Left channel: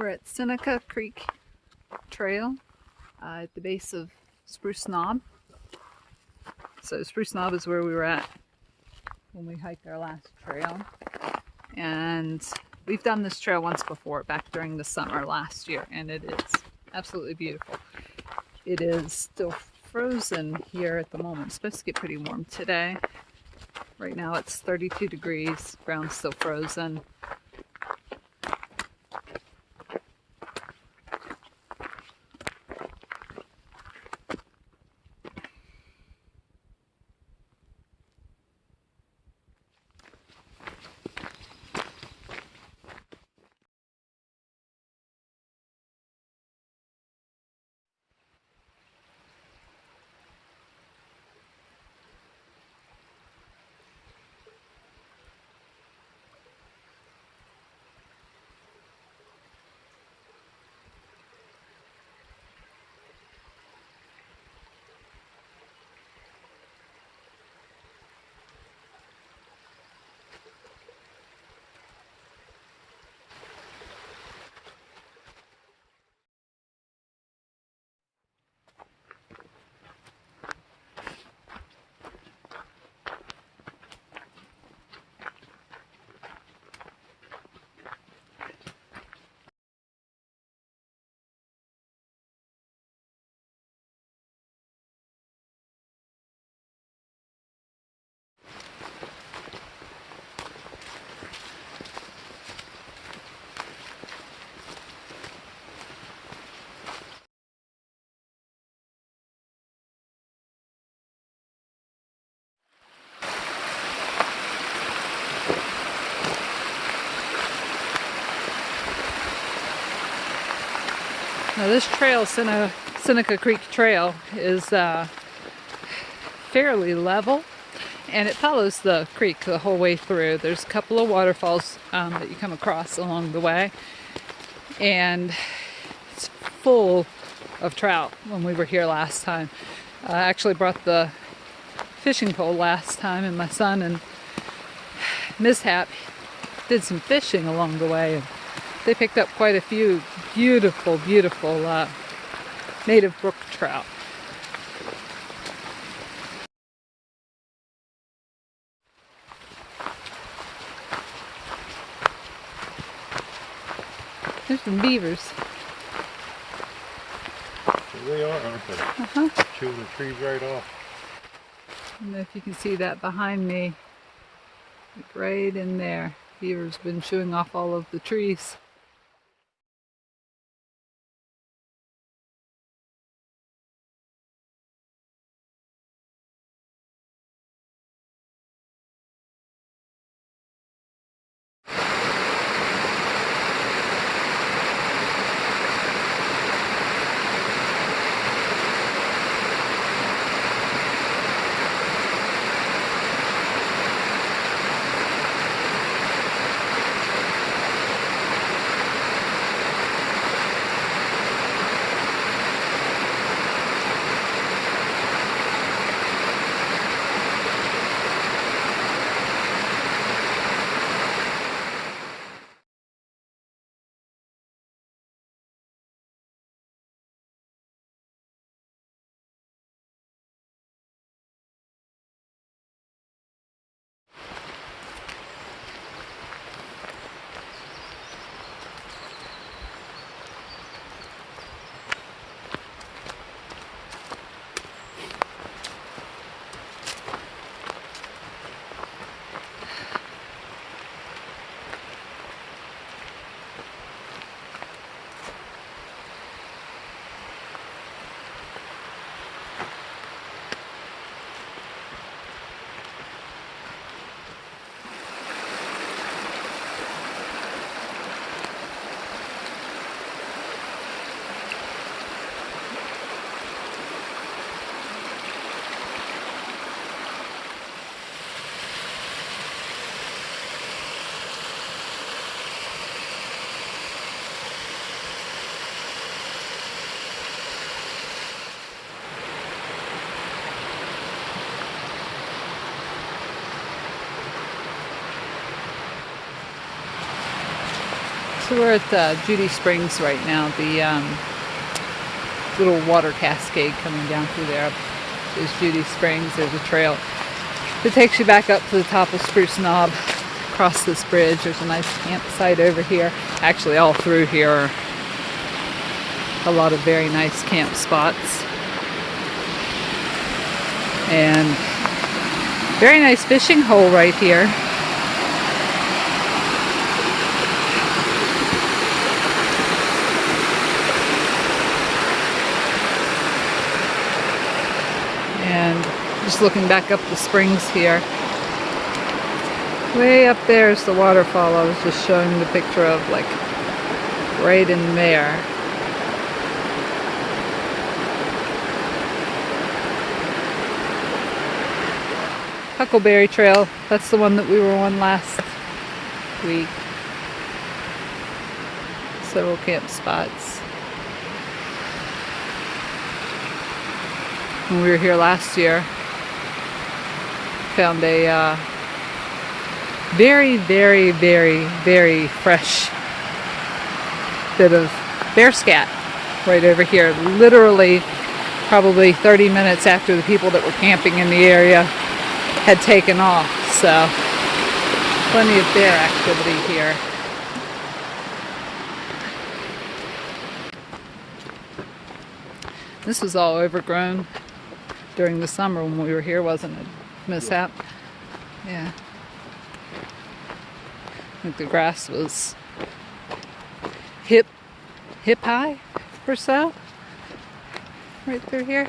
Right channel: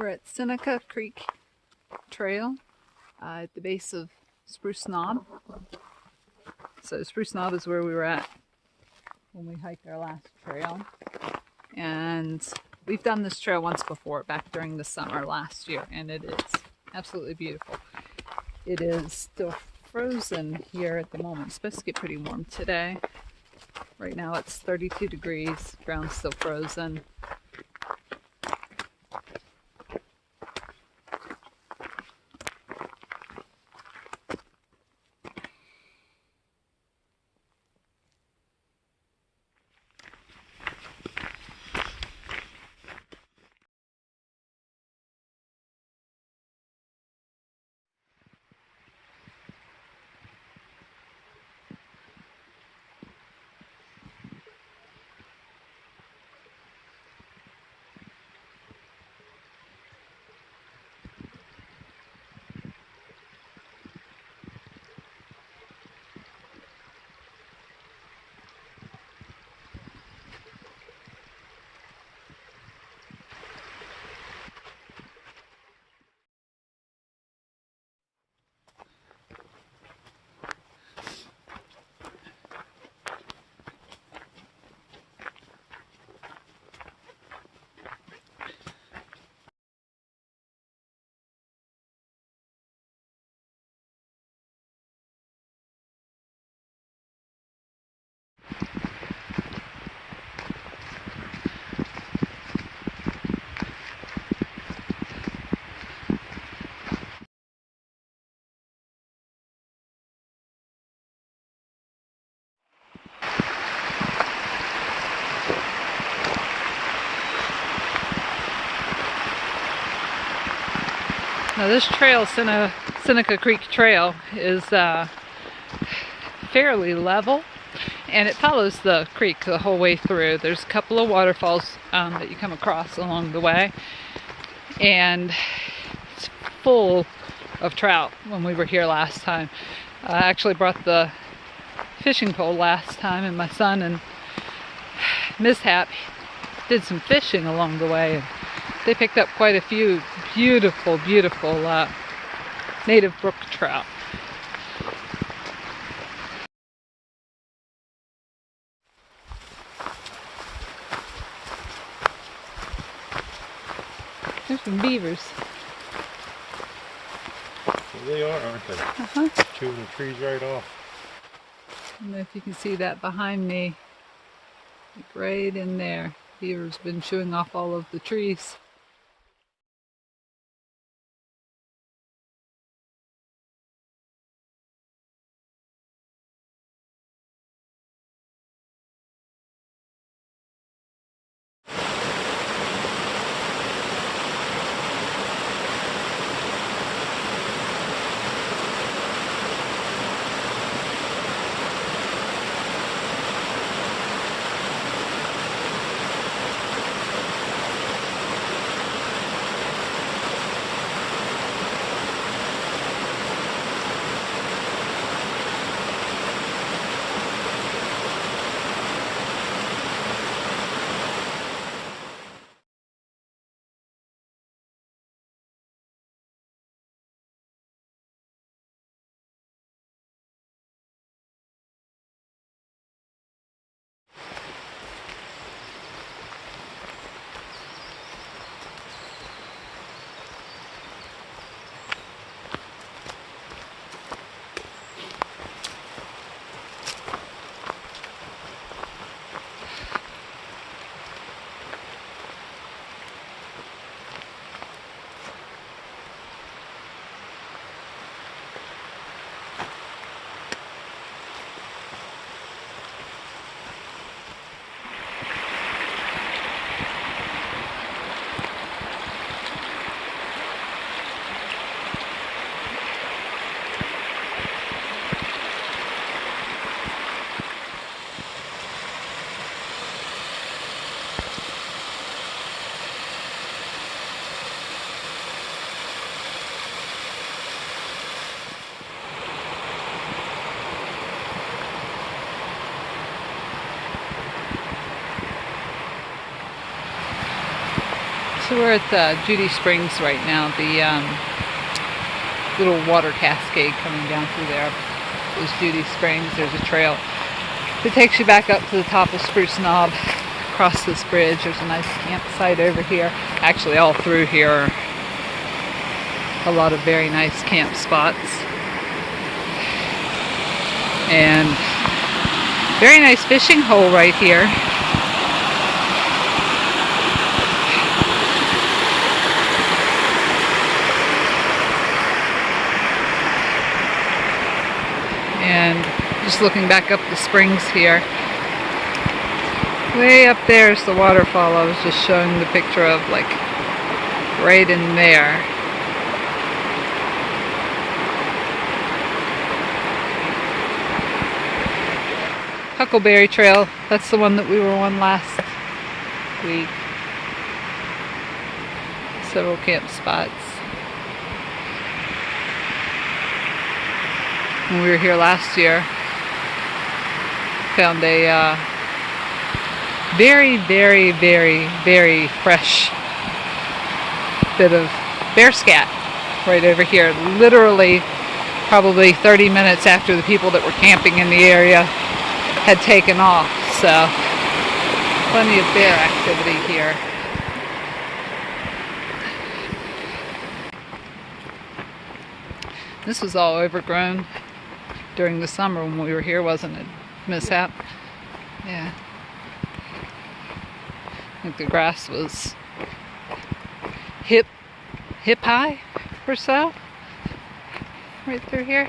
We're at Seneca Creek Trail at the base of Spruce Knob. So Spruce Knob is where we were at when we hiked our last trail. And we've done this trail once before, back during the summer last year, and it is absolutely beautiful. It is still frozen here at the moment. It's supposed to get pretty warm today. Right now it's 32 degrees, ground's still frozen. Now this trail, Seneca Creek Trail, is fairly level, and it follows the creek the whole way through. There's a couple of waterfalls that you come across along the way, and it's full of trout when we were here last time. I actually brought the fishing pole last time, and my son and mishap did some fishing along the way. And they picked up quite a few beautiful, beautiful native brook trout. There's some beavers. There they are, aren't they? Uh-huh. Two of the trees right off. I don't know if you can see that behind me. Right in there. Beaver's been chewing off all of the trees. So we're at Judy Springs right now, the little water cascade coming down through there. There's Judy Springs, there's a trail that takes you back up to the top of Spruce Knob, across this bridge. There's a nice campsite over here. Actually, all through here are a lot of very nice camp spots. And very nice fishing hole right here. And just looking back up the springs here. Way up there is the waterfall I was just showing the picture of, like right in there. Huckleberry Trail, that's the one that we were on last week. Several camp spots. When we were here last year, found a very, very, very, very fresh bit of bear scat right over here. Literally, probably 30 minutes after the people that were camping in the area had taken off. So, plenty of bear activity here. This was all overgrown during the summer when we were here, wasn't it? Mishap? Yeah. I think the grass was hip high or so, right through here.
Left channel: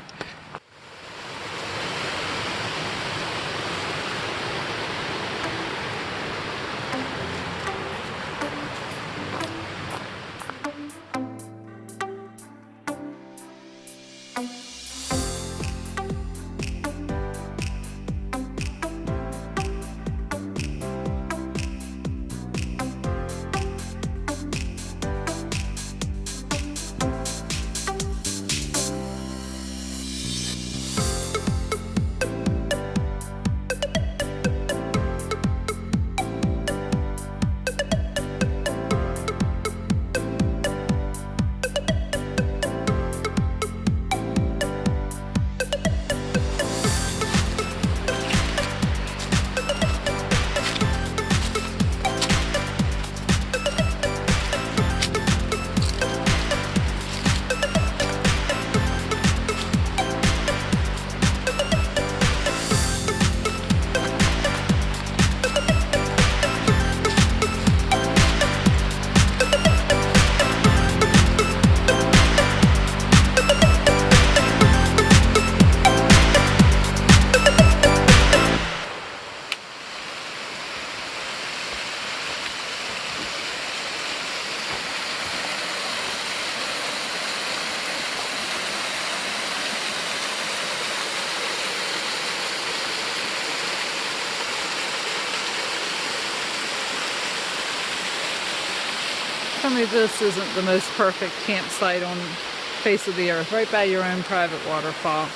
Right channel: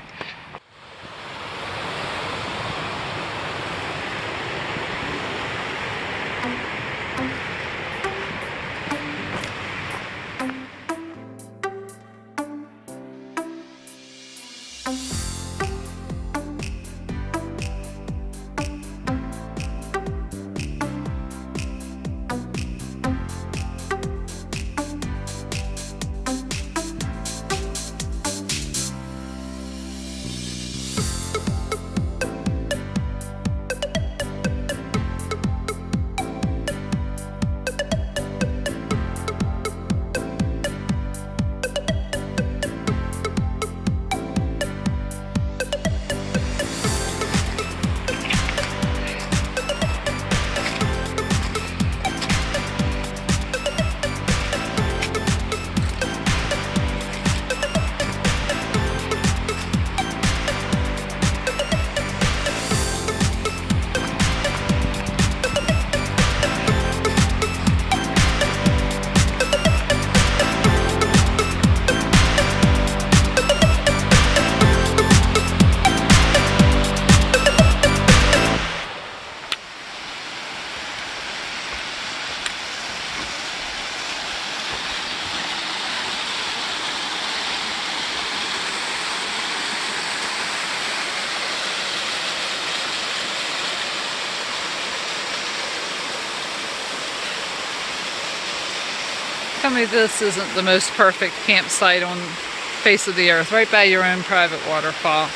Tell me this isn't the most perfect campsite on the face of the earth, right by your own private waterfall.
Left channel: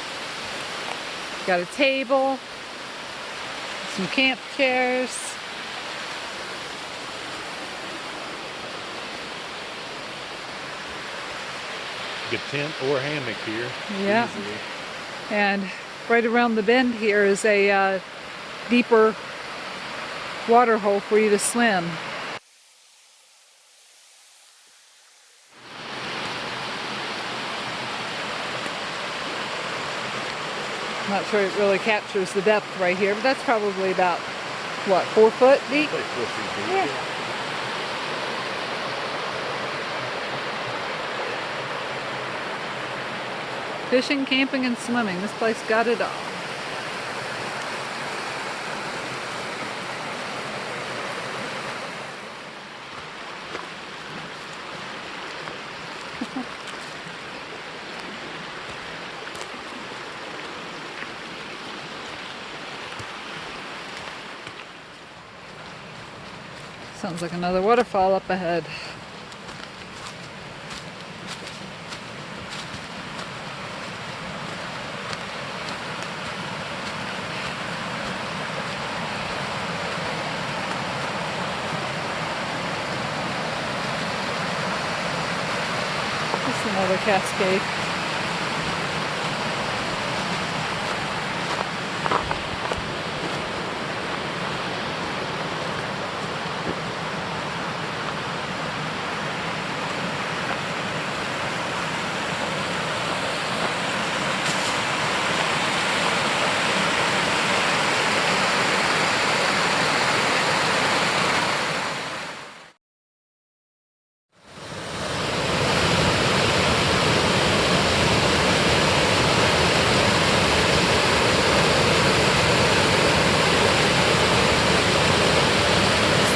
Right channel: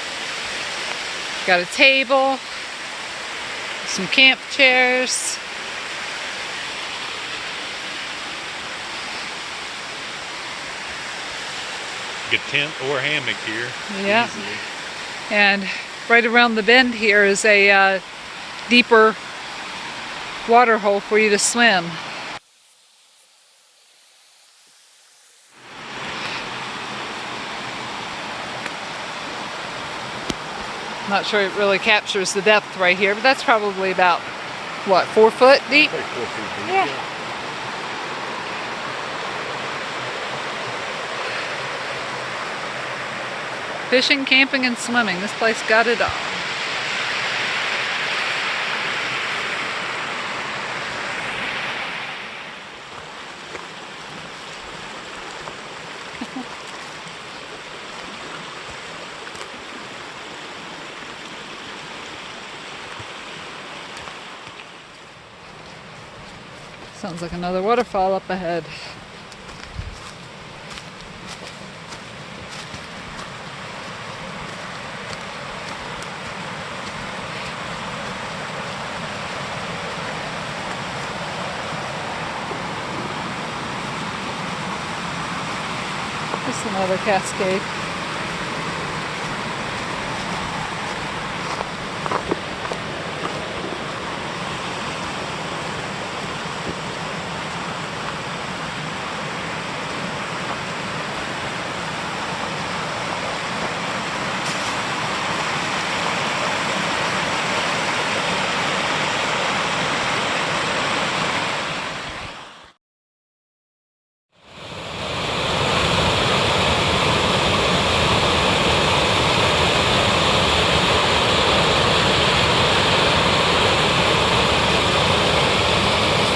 Got a table, some camp chairs. Get tent or hammock here. Yeah. Easily. And right around the bend here is a deeper water hole for you to swim. Not sure it really captures the depth right here, but that's probably about, what, 4 foot deep? Like 4 feet deep. Yeah. Fishing, camping, and swimming. This place got it all. Sounds like another waterfall up ahead. Another cascade.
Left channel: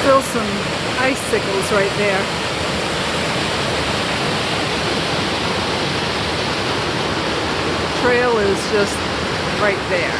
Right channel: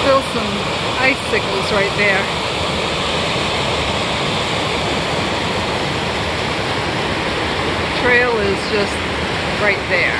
Still some icicles right there. The trail is just right there.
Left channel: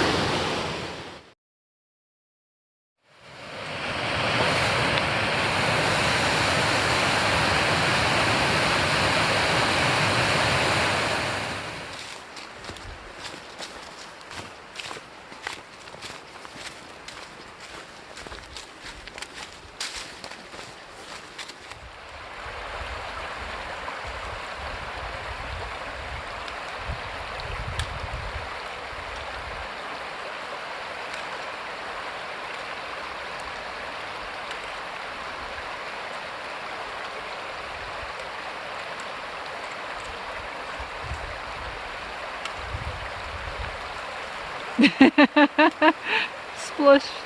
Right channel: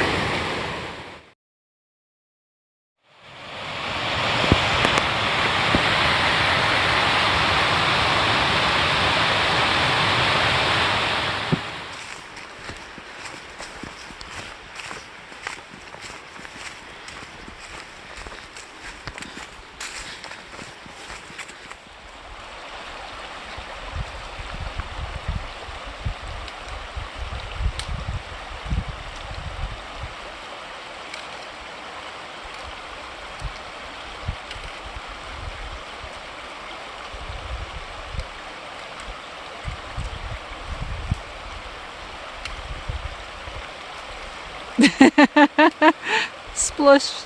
Splush.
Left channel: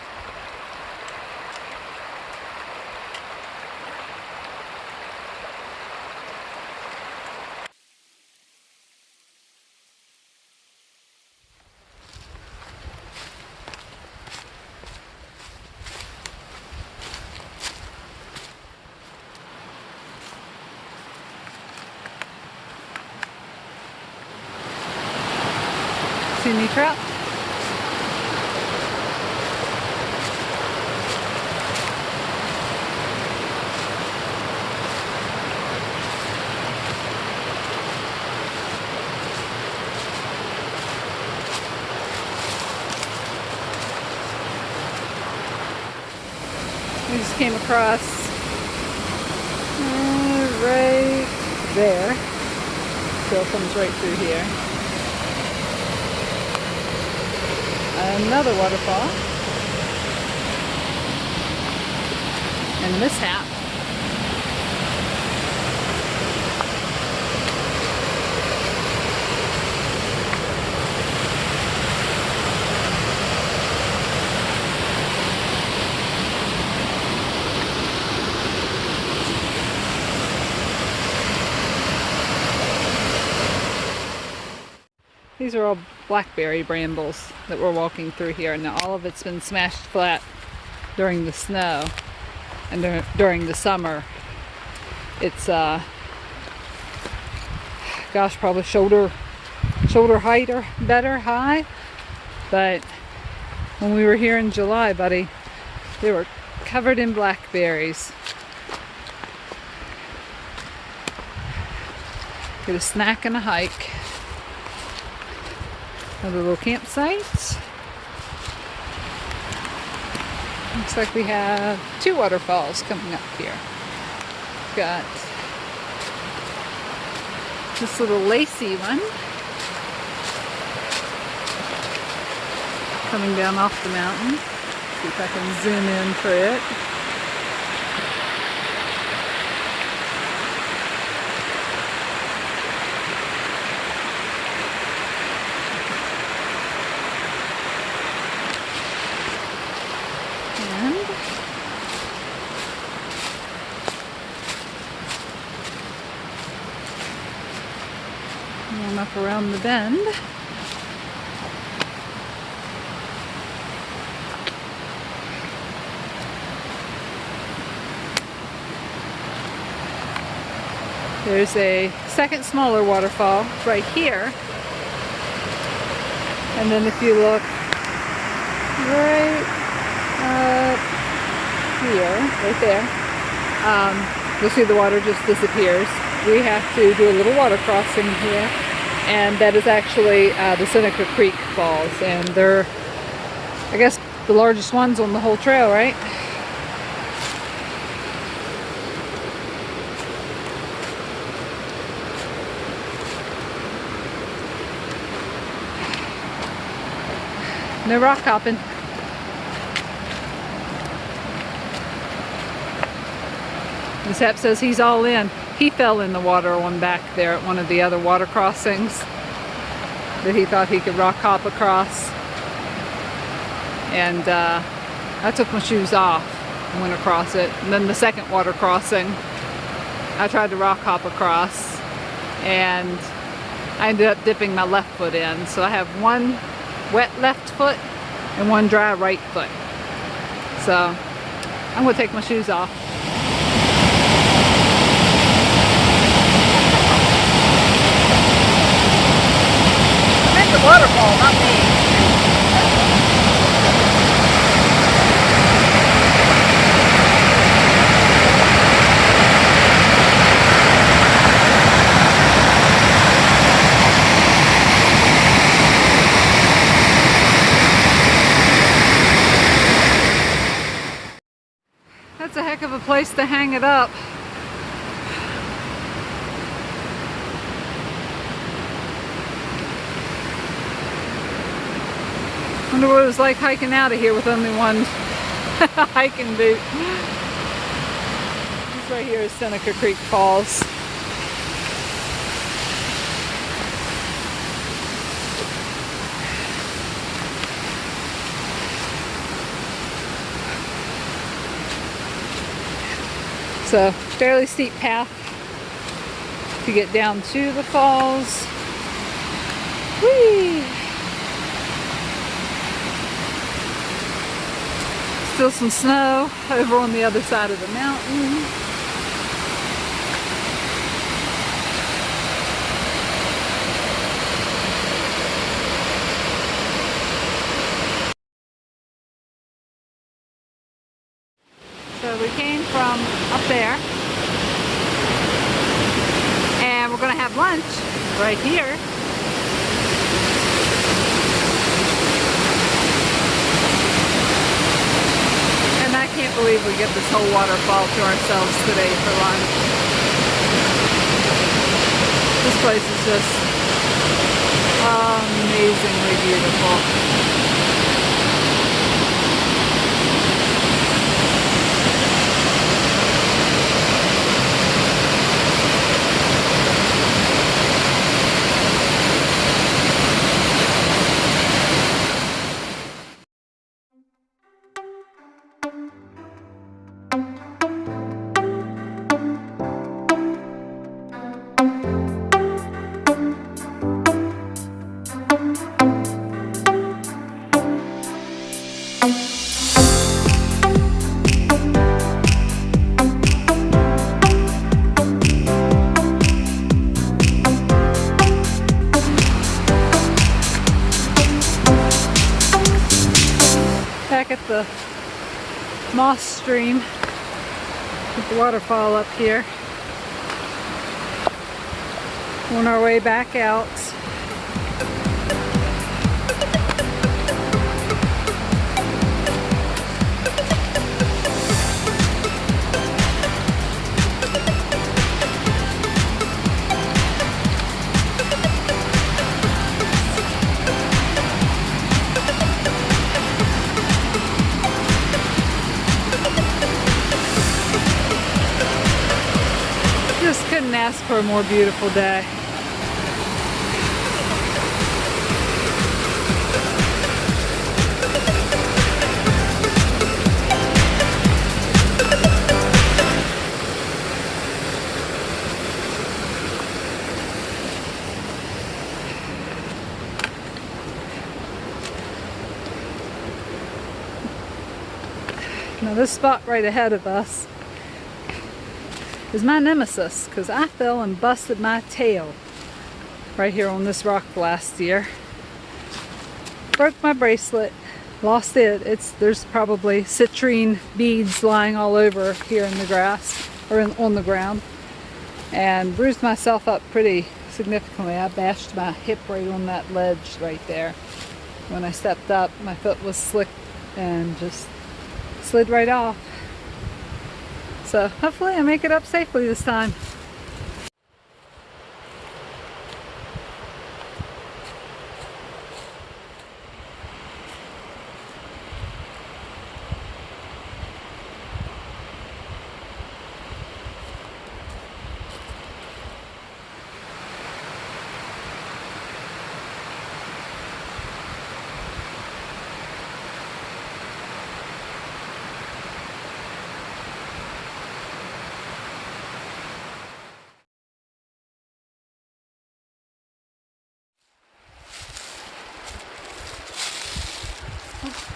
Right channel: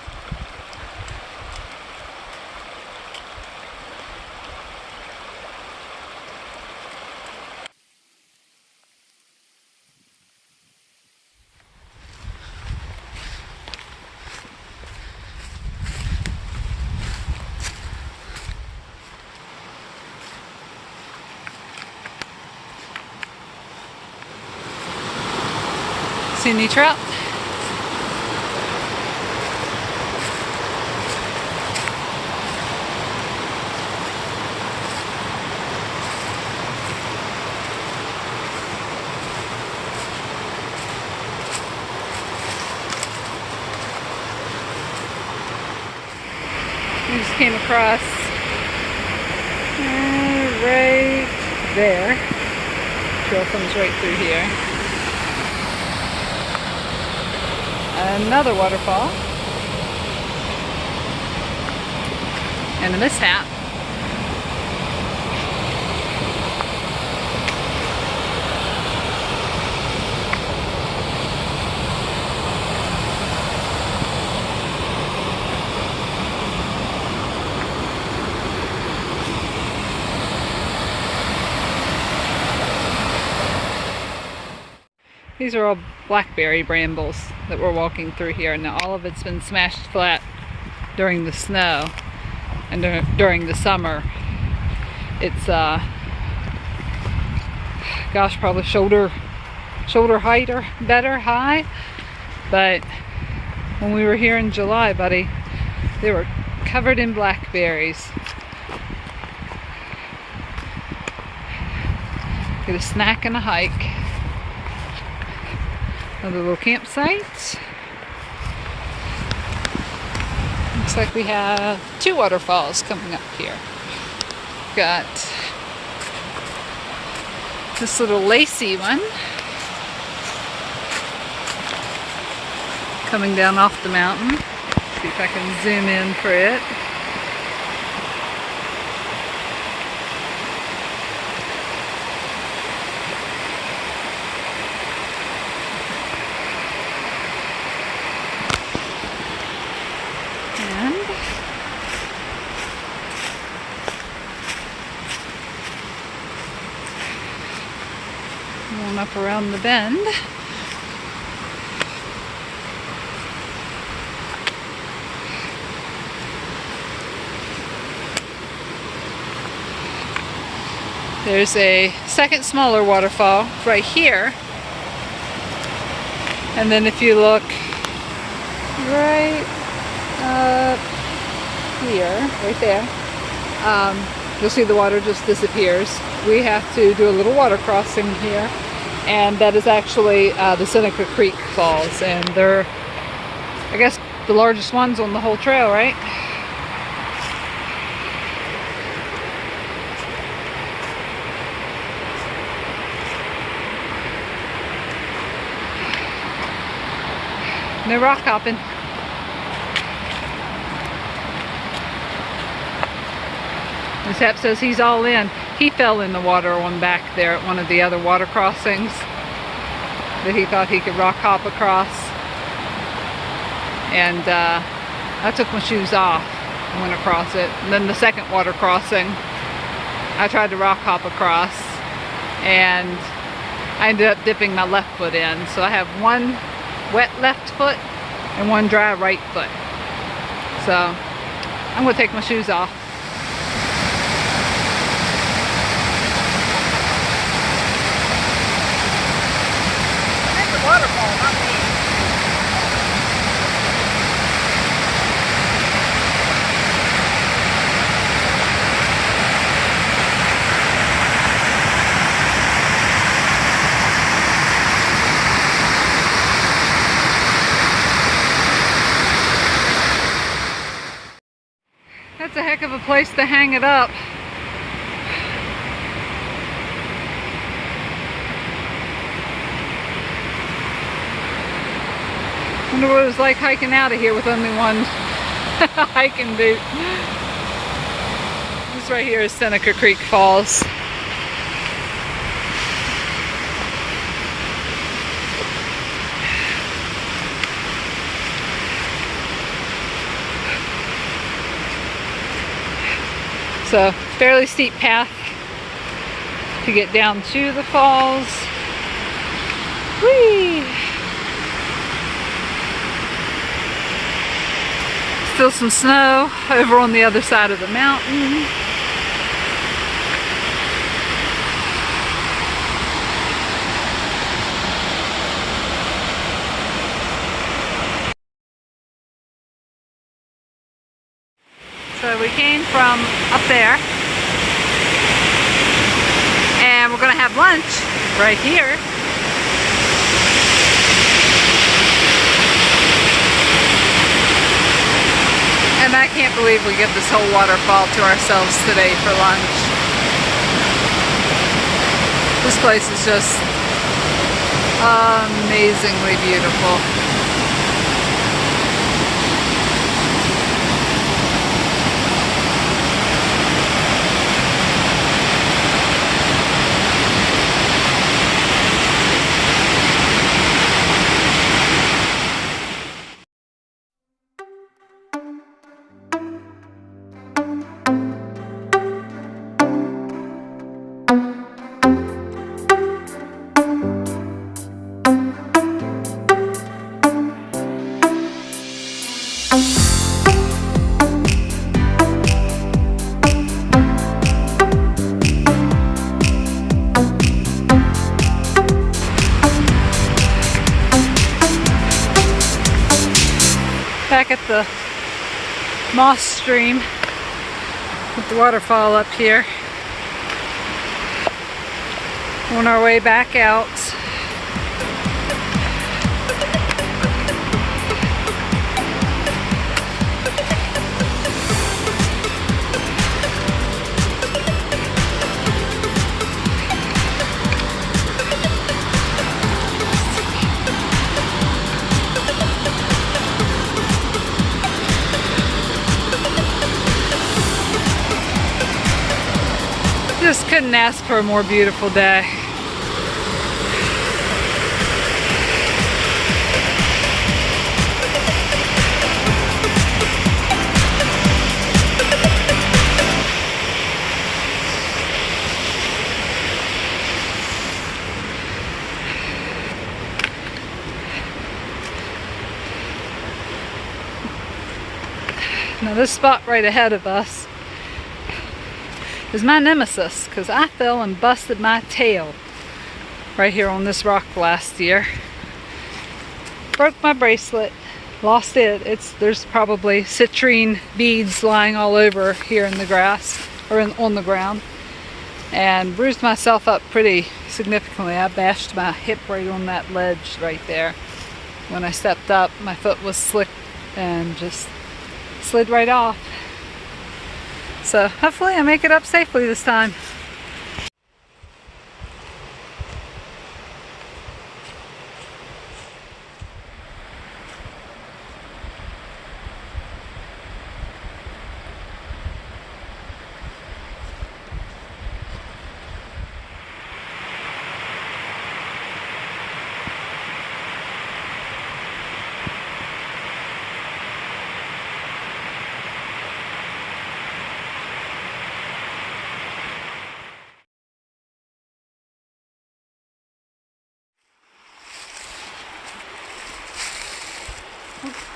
See any trout? We just came across right there. Trail comes right through here. Another waterfall. And a mishap. These are all blackberry brambles that we're walking through here. Now all of it's been smashed flat during the snow and during the summer. It's gosh, probably shoulder height or better high. But when we were here in July, buddy, they were covered in blackberries. Get a snack and a hike. Another little campsite. Looks like we have 2 waterfalls coming up here. Got this little lacy one coming down off the mountain. See if I can zoom in for it. One up around the bend. There's a second smaller waterfall right here. And then if you look right up here, right there, you'll see the water just disappears. We have to do a little water crossing here, and that is actually the Seneca Creek Falls, and they're, I guess, the largest ones on the whole trail, right? No rock hopping. Miss Hep says he's all in. He fell in the water on back there at one of the other water crossings that he thought he could rock hop across. And I took my shoes off and went across it. And then the second water crossing, I tried to rock hop across and I ended up dipping my left foot in. So I have one wet left foot and one dry right foot. So I'm gonna take my shoes off. I'm in the waterfall, not me. That's a heck of a place to hang it up. Wonder what it was like hiking out of here with only one hiking boot. This right here is Seneca Creek Falls. So, fairly steep path to get down to the falls. Whee! Still some snow over on the other side of the mountain. So we came from up there and we're gonna have lunch right here. And I can't believe we get this whole waterfall to ourselves today for lunch. This place is just amazingly beautiful. Back at the moss stream with the waterfall up here. On our way back out. Just couldn't ask for a more beautiful day. Now this spot right ahead of us is my nemesis, because I fell and busted my tail right here on this rock last year. Broke my bracelet, lost it. There's probably citrine beads lying all over here in the grass, or on the ground, and bruised myself up pretty significantly. I bashed my hip right on that ledge right there. When I stepped up, my foot was slick and just slid right off. So hopefully I make it up safely this time.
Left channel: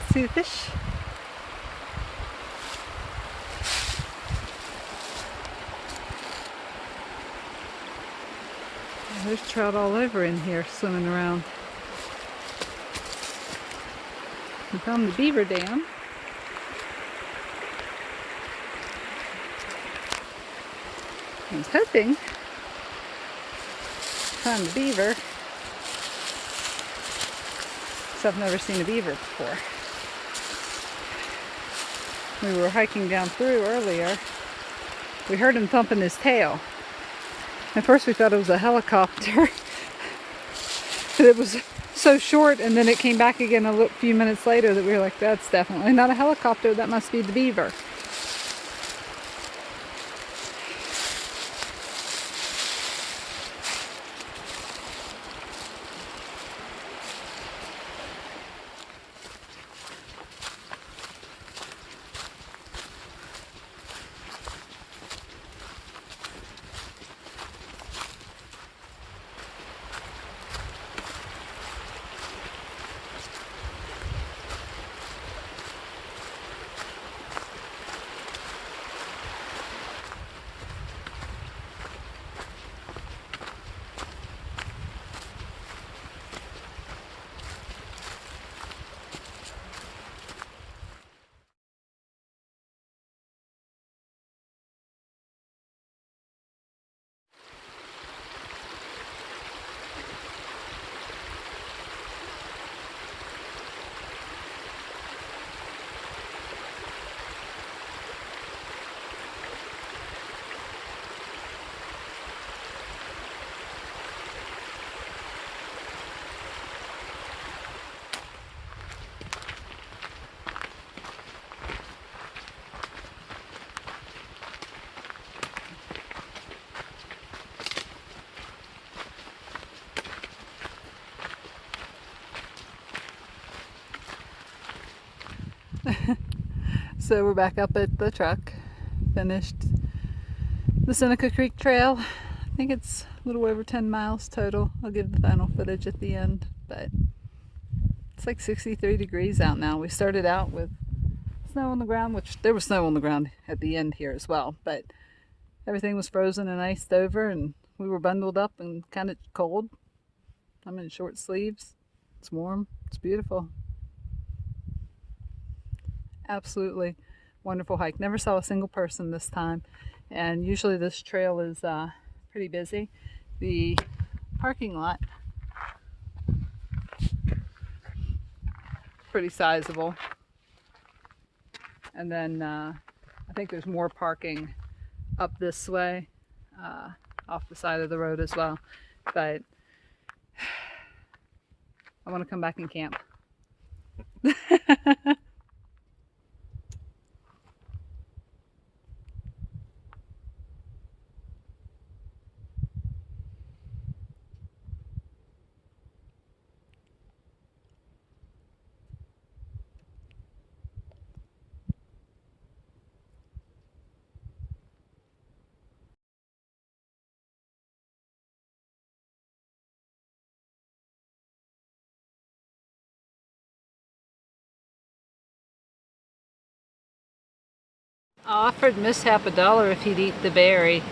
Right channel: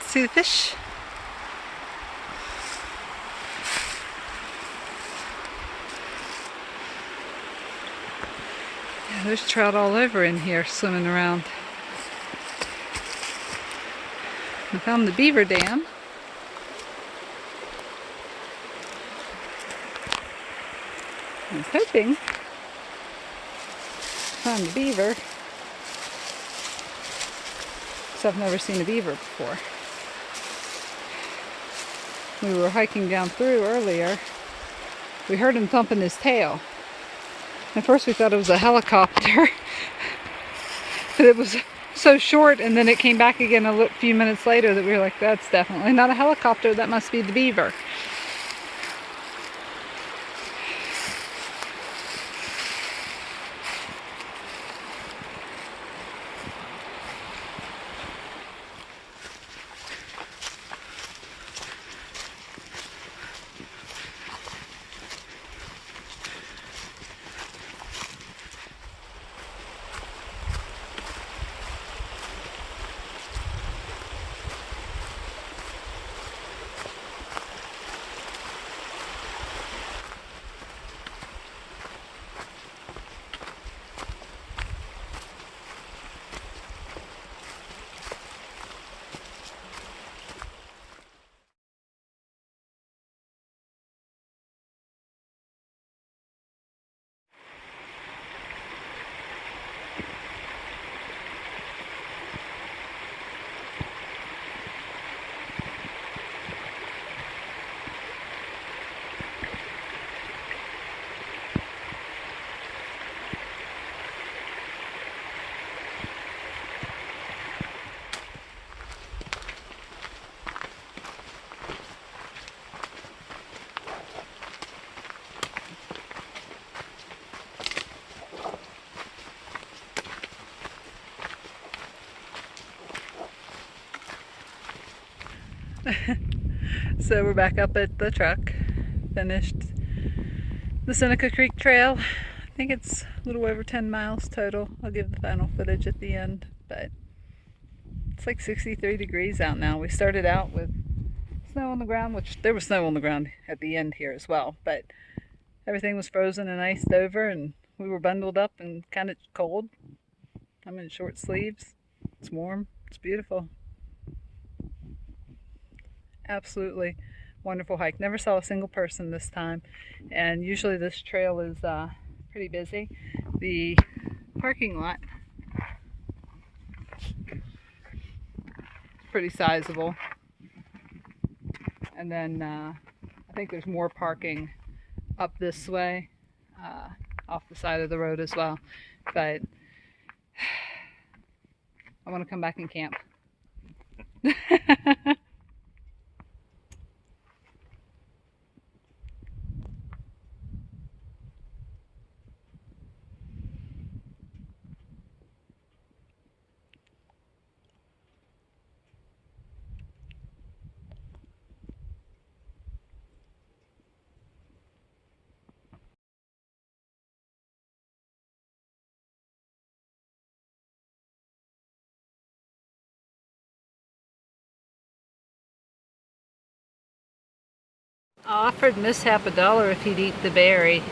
See the fish? Yeah, there's trout all over in here swimming around. We found the beaver dam. I was hoping to find the beaver. So I've never seen a beaver before. We were hiking down through earlier. We heard him thumping his tail. At first we thought it was a helicopter. But it was so short, and then it came back again a few minutes later that we were like, that's definitely not a helicopter, that must be the beaver. So we're back up at the truck. Finished the Seneca Creek Trail. I think it's a little over 10 miles total. I'll give the final footage at the end, but it's like 63 degrees out now. We started out with snow on the ground, which there was snow on the ground at the end here as well, but everything was frozen and iced over, and we were bundled up and kind of cold. I'm in short sleeves. It's warm. It's beautiful. Absolutely wonderful hike. Never saw a single person this time, and usually this trail is pretty busy. The parking lot pretty sizable, and then I think there's more parking up this way off the side of the road as well, but I want to come back and camp. I offered Mishap $1 if he'd eat the berry.